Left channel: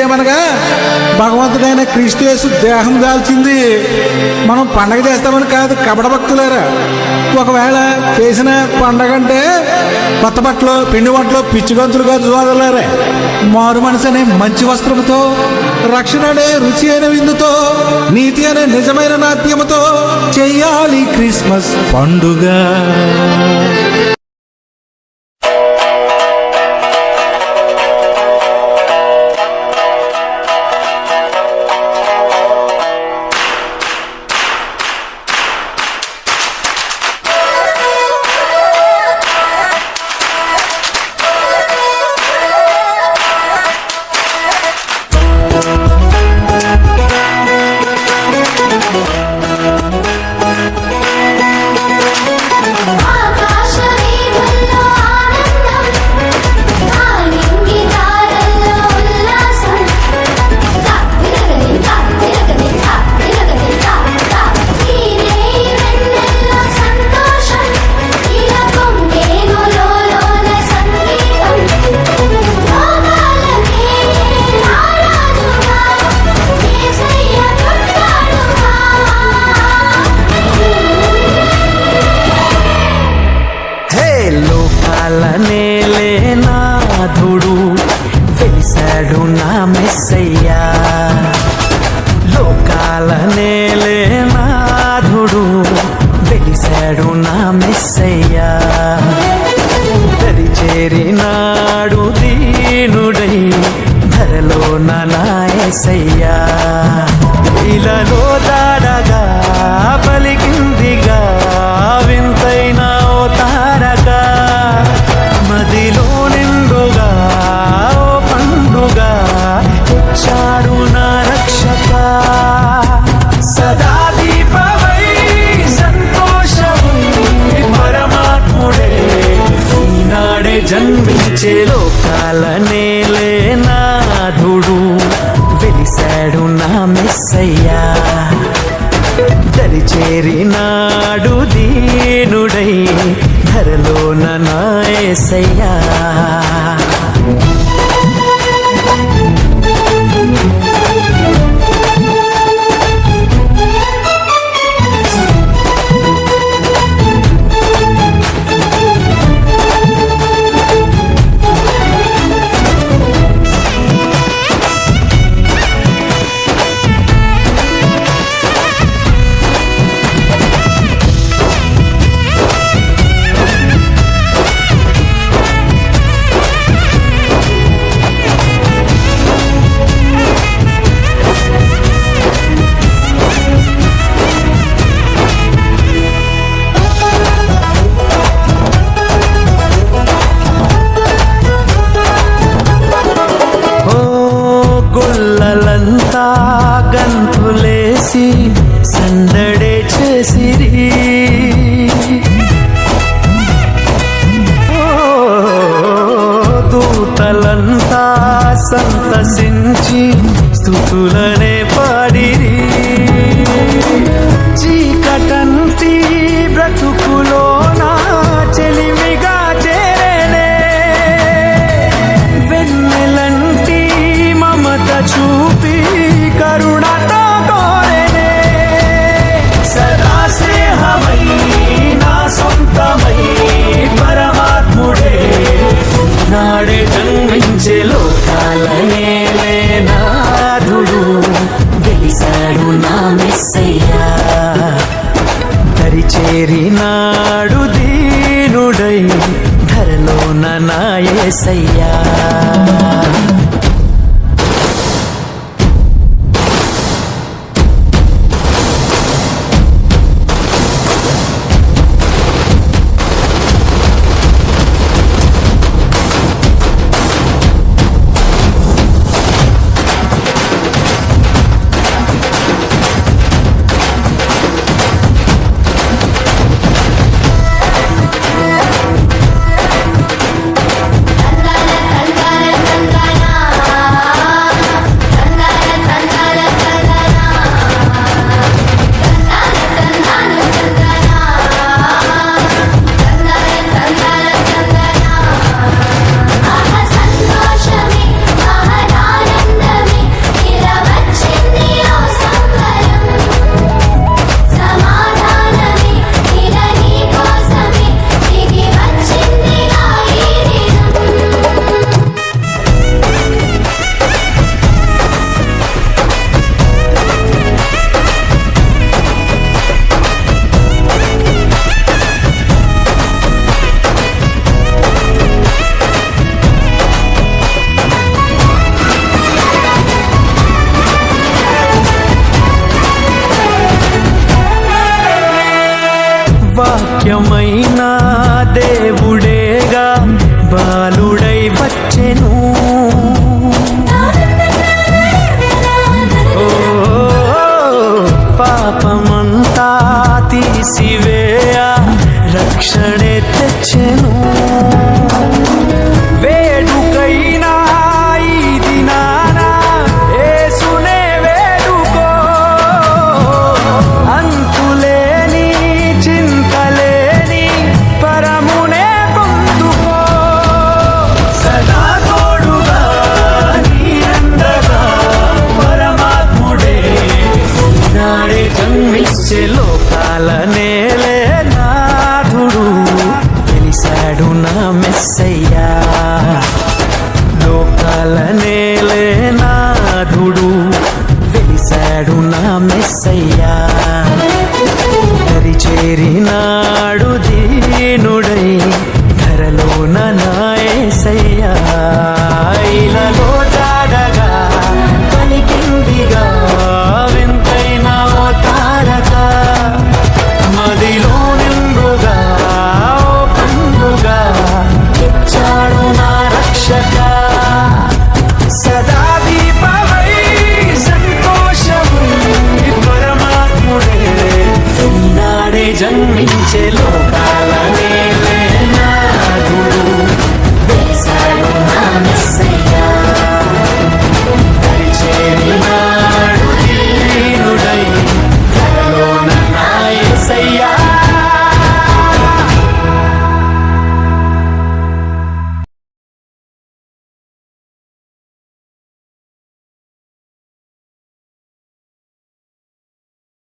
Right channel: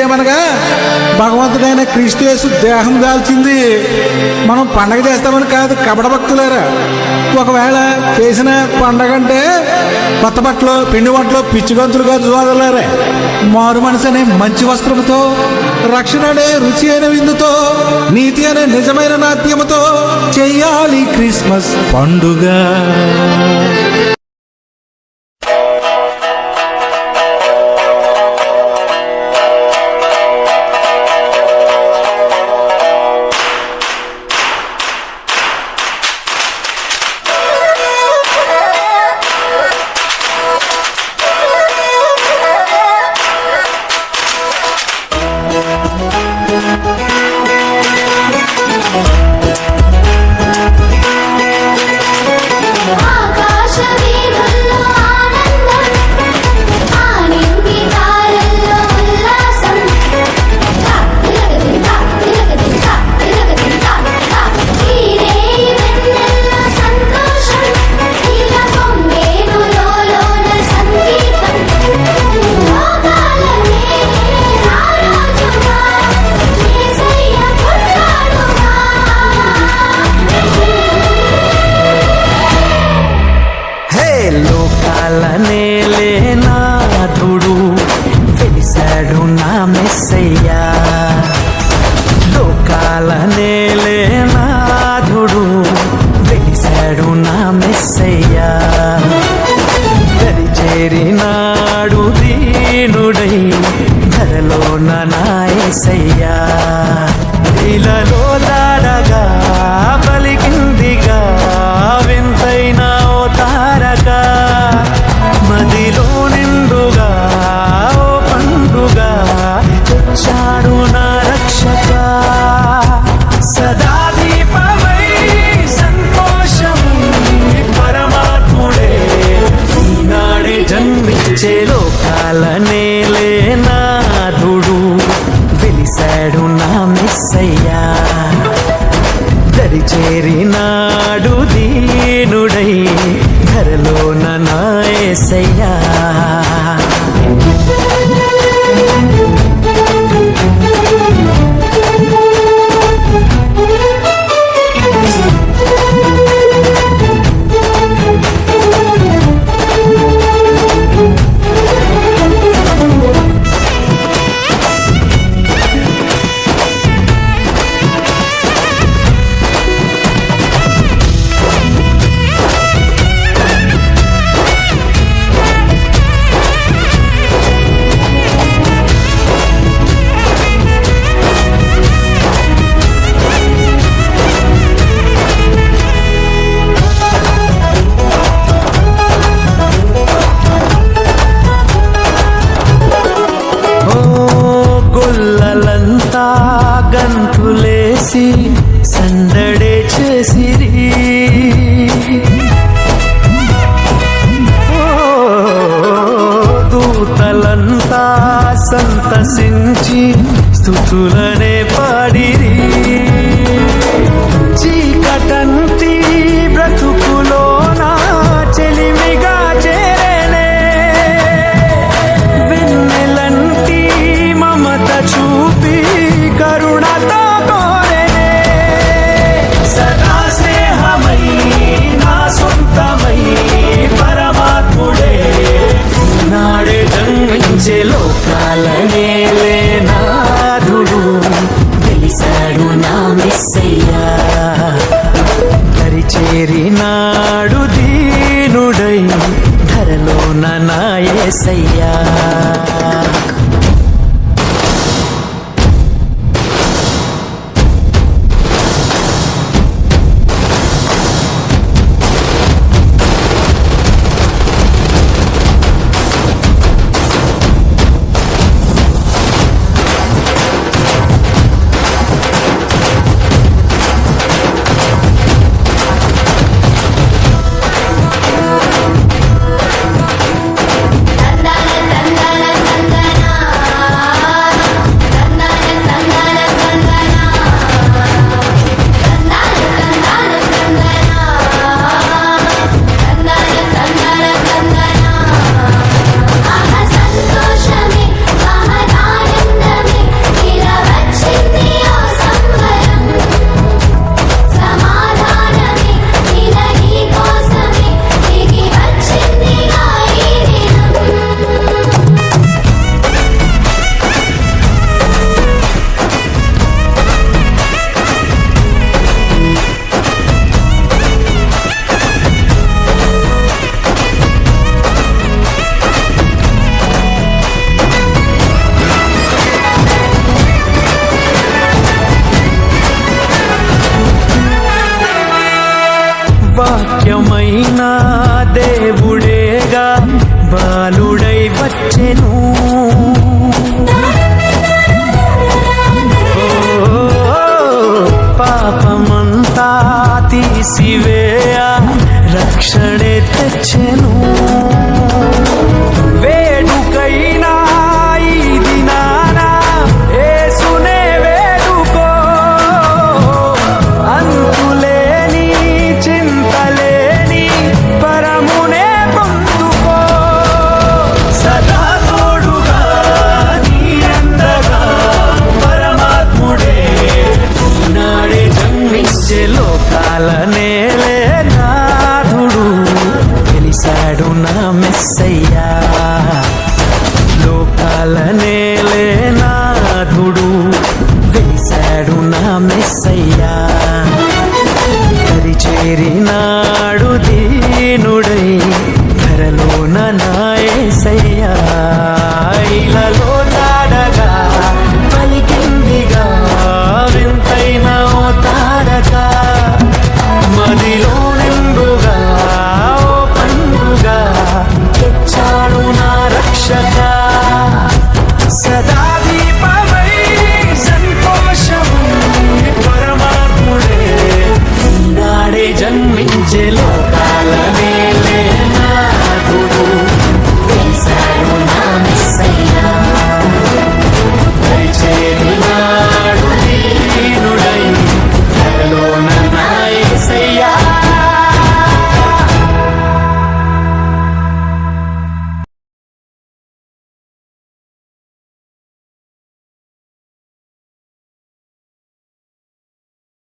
ఏమనగా భగవంతుడైన క్రీస్తు యేసు దేహం దాల్చింది మనం పండగ చేస్తామని కాదు కపట భక్తులారా. ఒకవేళ చేసిన పండగ అంటే కొత్త బట్టలు, పిండి వంటలు, పిచ్చి గంతులుగా చూడలేరే. మారు మనసు అనే మంచి వస్త్రముతో, రక్షణ అనే రుచి అయిన విందుతో, నీతి అనే నిజమైన నాట్యముతో చెయ్యాలి క్రిస్మస్ పండుగ. లోకాలనేలే నాథుడు వెలిసాడు నా మెస్సయ్యా. లోకాలనేలే నాథుడు వెలిసాడు నా మెస్సయ్యా. దరిచేరినాడు దీనుడై ధరలోన నా యేసయ్యా. ఇలలో దాడగా పలికిందిగా వింతైన ఓ తారక. మదిలో నిండుగా ఓ పండుగ తెచ్చాడు నా రక్షక. సదా దీపమై సంతోషమై పరమాత్ముడే ఈనాడే జన్మించే. లోకాలనేలే నాథుడు వెలిసాడు నా మెస్సయ్యా. దరిచేరినాడు దీనుడై ధరలోన నా యేసయ్యా. గొల్లలంతా గంతులేసి సందడే చేసిరి. దూతలంతా సంతసించి స్తుతులనే పాడిరి. చీకటంటి బ్రతుకులోన చెలిమిగా చేరేనే. వెన్నెలంటి మమత చూపి కరుణతో కోరెనే. సదా స్నేహమై నా సొంతమై పరమాత్ముడే నాడే జన్మించే. లోకాలనేలే నాథుడు వెలిసాడు నా మెస్సయ్యా. దరిచేరినాడు దీనుడై ధరలోన నా యేసయ్యా. వాక్యమైన దేవుడేగా బాలుడై వచ్చెను. ఓ పాపమంతా తీసివేయ రక్షణే తెచ్చెను. వేడుకైనా ఈ దినాన యేసునే వేడుకో, అంతులేని చింతలేని పరమునే పొందుకో. సదా తోడుగా నీ అండగా పరమాత్ముడే ఈనాడే జన్మించే లోకాల నేలే నాథుడు వెలిసాడు నా మెస్సయ్యా. లోకాల నేలే నాథుడు వెలిసాడు నా మెస్సయ్యా. దరిచేరినాడు దీనుడై ధరలోన నా యేసయ్యా. ఇలలో